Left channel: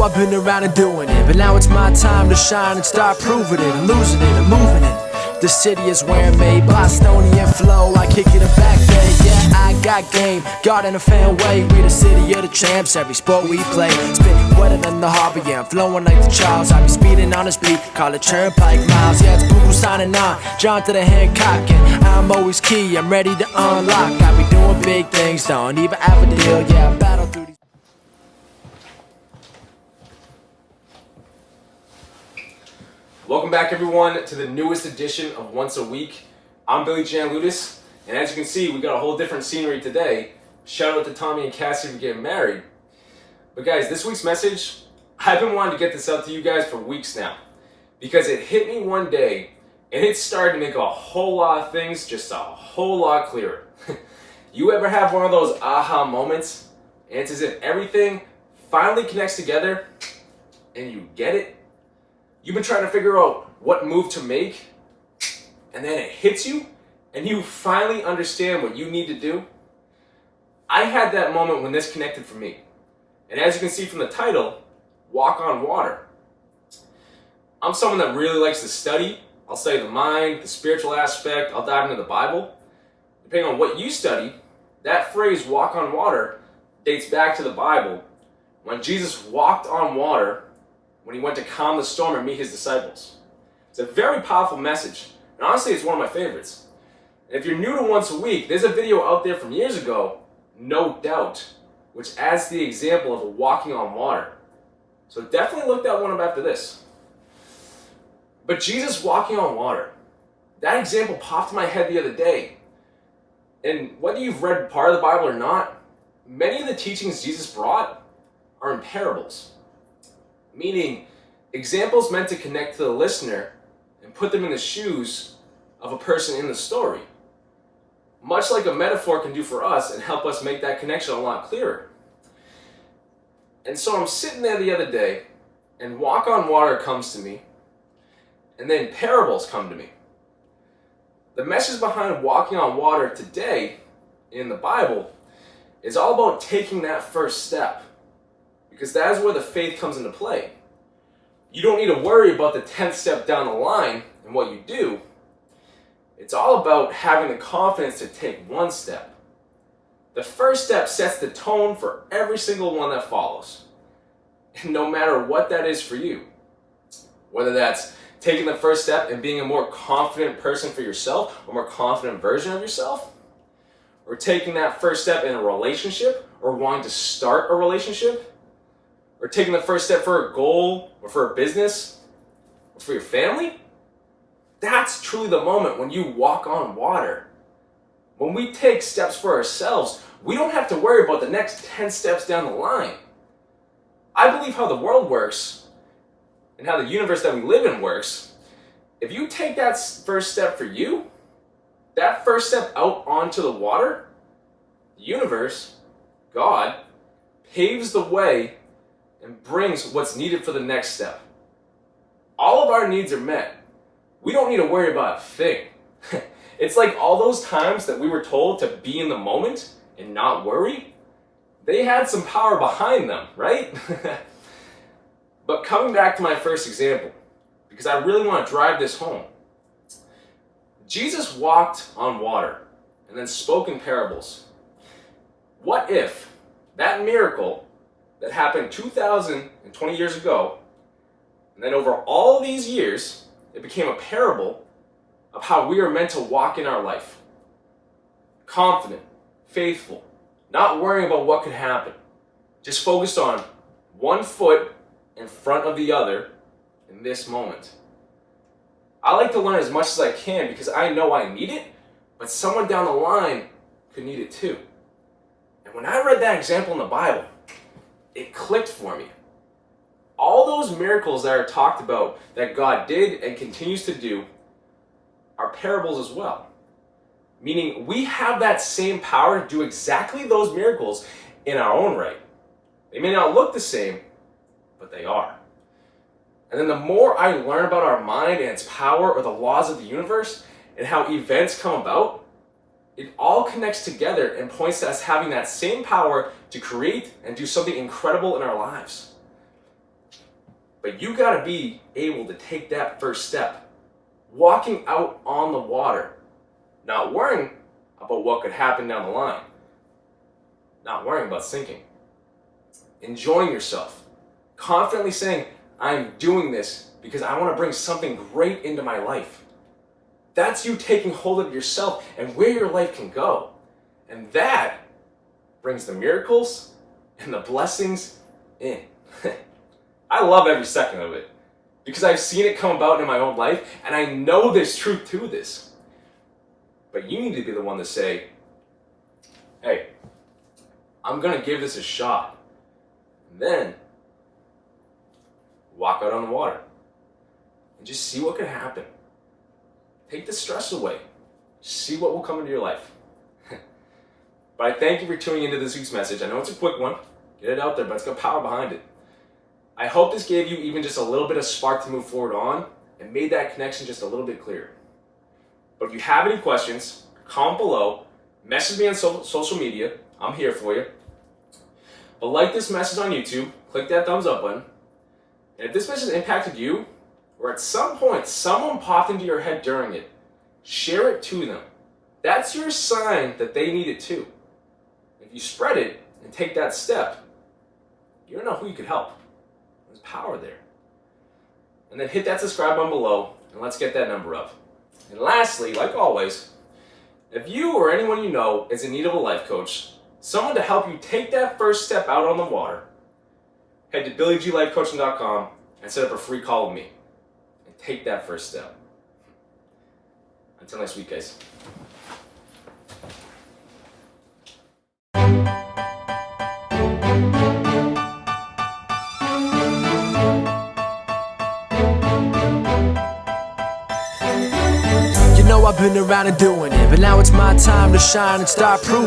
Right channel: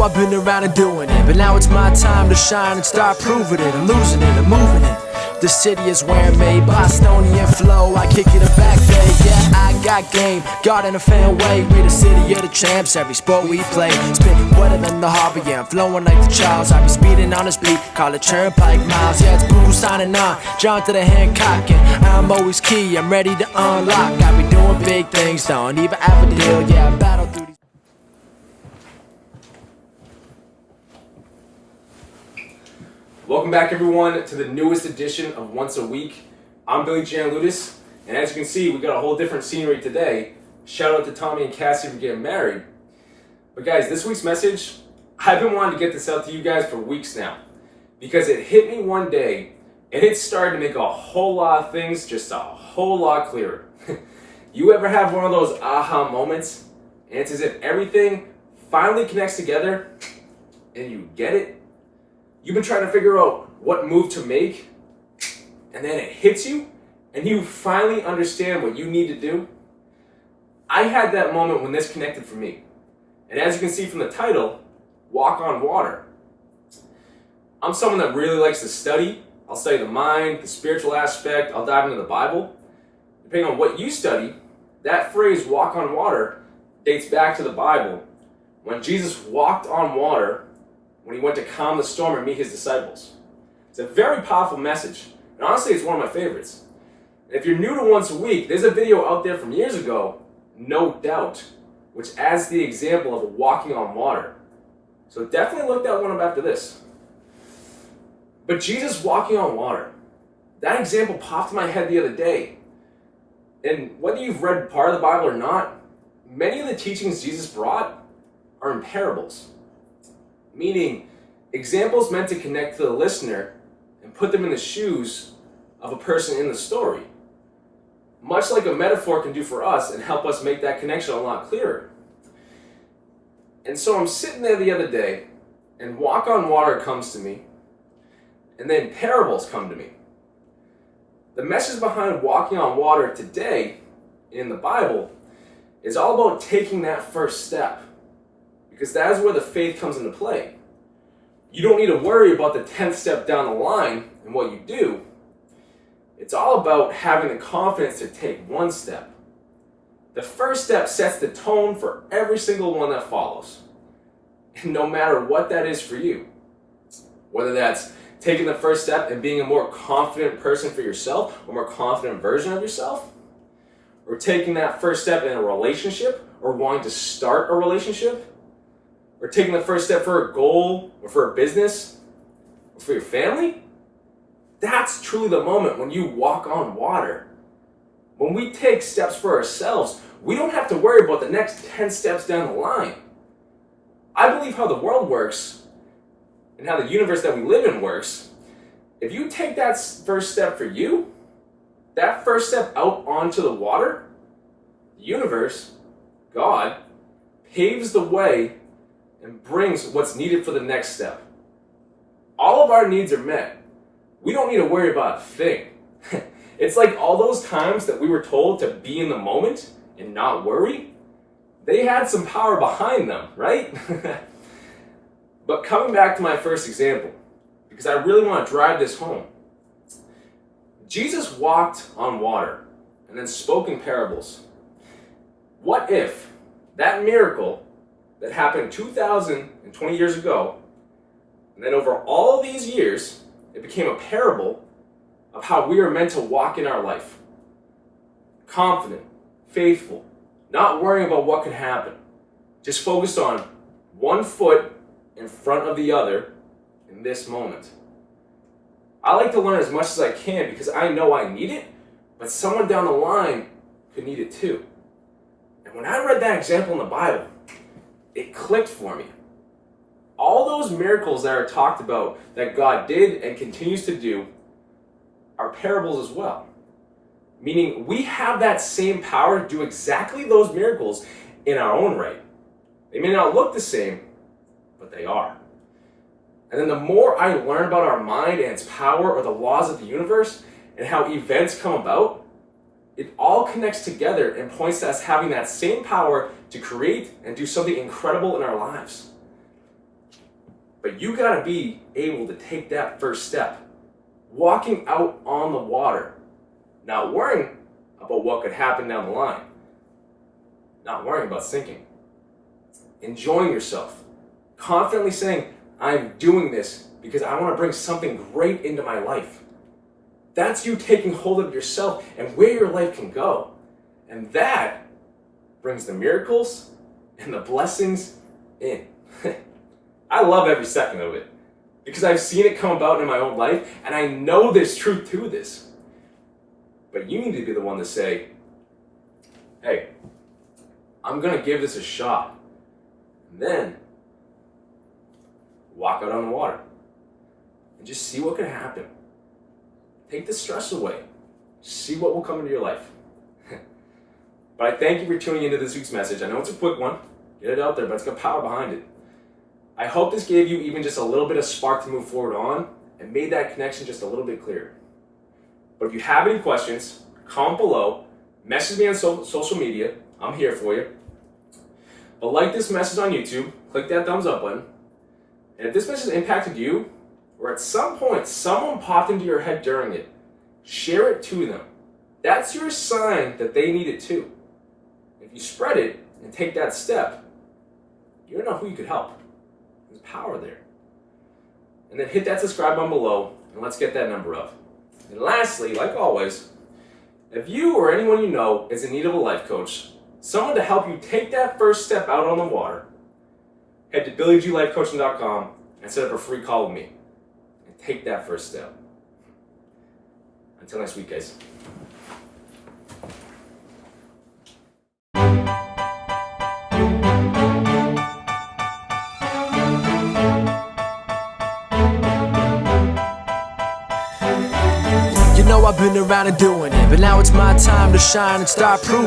know I've been around and doing it, but now it's my time to shine and start proving it. I'm losing it, I'm moving it. The city is where I'm made, Bostonian flow, I kick it back there. Yeah, I got game, God in a fan way. We the city of the champs, every sport we play. Spit wetter than the harbor, yeah, I'm flowing like the Charles. I be speeding on this beat, call it Turnpike Miles. Yeah, it's Buku signing on, John to the Hancock, and I'm always key, I'm ready to unlock. I be doing big things, don't even have a deal, yeah, I battle through these. Welcome back, everyone, to the newest edition of Once a Week. I'm Billy Janlutis, and as you can see, we got a whole different scenery today. Shout out to Tommy and Cassie for getting married. But guys, this week's message, I've been wanting to get this out to you guys for weeks now, because it hit me one day, and it started to make a whole lot of things just a whole lot clearer. You ever have one of those aha moments, and it's as if everything finally connects together, and you get it? You've been trying to figure out what move to make, and then it hits you, and you finally understand what you need to do. I had that moment when this connected for me. And as you can see from the title, Walk on Water. I'm someone that really likes to study. I'll study the mind, the spiritual aspect, I'll dive into the Bible. Depending on what you study, that phrase, walk on water, dates back to the Bible, when Jesus walked on water when he went to calm the storm and meet his disciples. It's a very powerful message, and honestly, it's one of my favorites. And if you're new to Once a Week, there's a video out there from years ago, No Doubt, which adds the example of walking on water. So definitely look that one up after this. But Jesus walking on water, that example popped in my head the other day. And whether you've read part of the Bible or not, many of the teachings Jesus brought are in parables. Meaning, examples meant to connect to the listener and put them in the shoes of a person in the story. Much like a metaphor can do for us and help us make that connection a lot clearer. And so I'm sitting there the other day, and walk on water comes to me, and then parables come to me. The message behind walking on water today in the Bible is all about taking that first step. Because that is where the faith comes into play. You don't need to worry about the 10th step down the line and what you do. It's all about having the confidence to take one step. The first step sets the tone for every single one that follows. And no matter what that is for you, whether that's taking the first step and being a more confident person for yourself, a more confident version of yourself, or taking that first step in a relationship, or wanting to start a relationship, or taking the first step for a goal, or for a business, or for your family, that's truly the moment when you walk on water. When we take steps for ourselves, we don't have to worry about the next 10 steps down the line. I believe how the world works, and how the universe that we live in works. If you take that first step for you, that first step out onto the water, the universe, God, paves the way and brings what's needed for the next step. All of our needs are met. We don't need to worry about a thing. It's like all those times that we were told to be in the moment and not worry, they had some power behind them, right? But coming back to my first example, because I really want to drive this home. Jesus walked on water and then spoke in parables. What if that miracle that happened 2,020 years ago, and then over all these years, it became a parable of how we are meant to walk in our life? Confident, faithful, not worrying about what could happen, just focused on one foot in front of the other in this moment. I like to learn as much as I can because I know I need it, but someone down the line could need it too. And when I read that example in the Bible, it clicked for me. All those miracles that are talked about that God did and continues to do are parables as well. Meaning we have that same power to do exactly those miracles in our own right. They may not look the same, but they are. And then the more I learn about our mind and its power or the laws of the universe and how events come about, it all connects together and points to us having that same power to create and do something incredible in our lives. But you gotta be able to take that first step. Walking out on the water, not worrying about what could happen down the line, not worrying about sinking, enjoying yourself, confidently saying, I'm doing this because I want to bring something great into my life. That's you taking hold of yourself and where your life can go. And that brings the miracles and the blessings in. I love every second of it because I've seen it come about in my own life and I know there's truth to this. But you need to be the one to say, hey, I'm going to give this a shot. And then walk out on the water and just see what could happen. Take the stress away. See what will come into your life. But I thank you for tuning into this week's message. I know it's a quick one. Get it out there, but it's got power behind it. I hope this gave you even just a little bit of spark to move forward on and made that connection just a little bit clearer. But if you have any questions, comment below, message me on social media. I'm here for you. But like this message on YouTube, click that thumbs up button. And if this message impacted you, or at some point someone popped into your head during it, share it to them. That's your sign that they need it too. If you spread it and take that step, you don't know who you could help. There's power there. And then hit that subscribe button below, and let's get that number up. And lastly, like always, if you or anyone you know is in need of a life coach, someone to help you take that first step out on the water, head to BillyGLifeCoaching.com and set up a free call with me. And take that first step. Until next week, guys. You know I've been around and doing it, but now it's my time to shine and start proving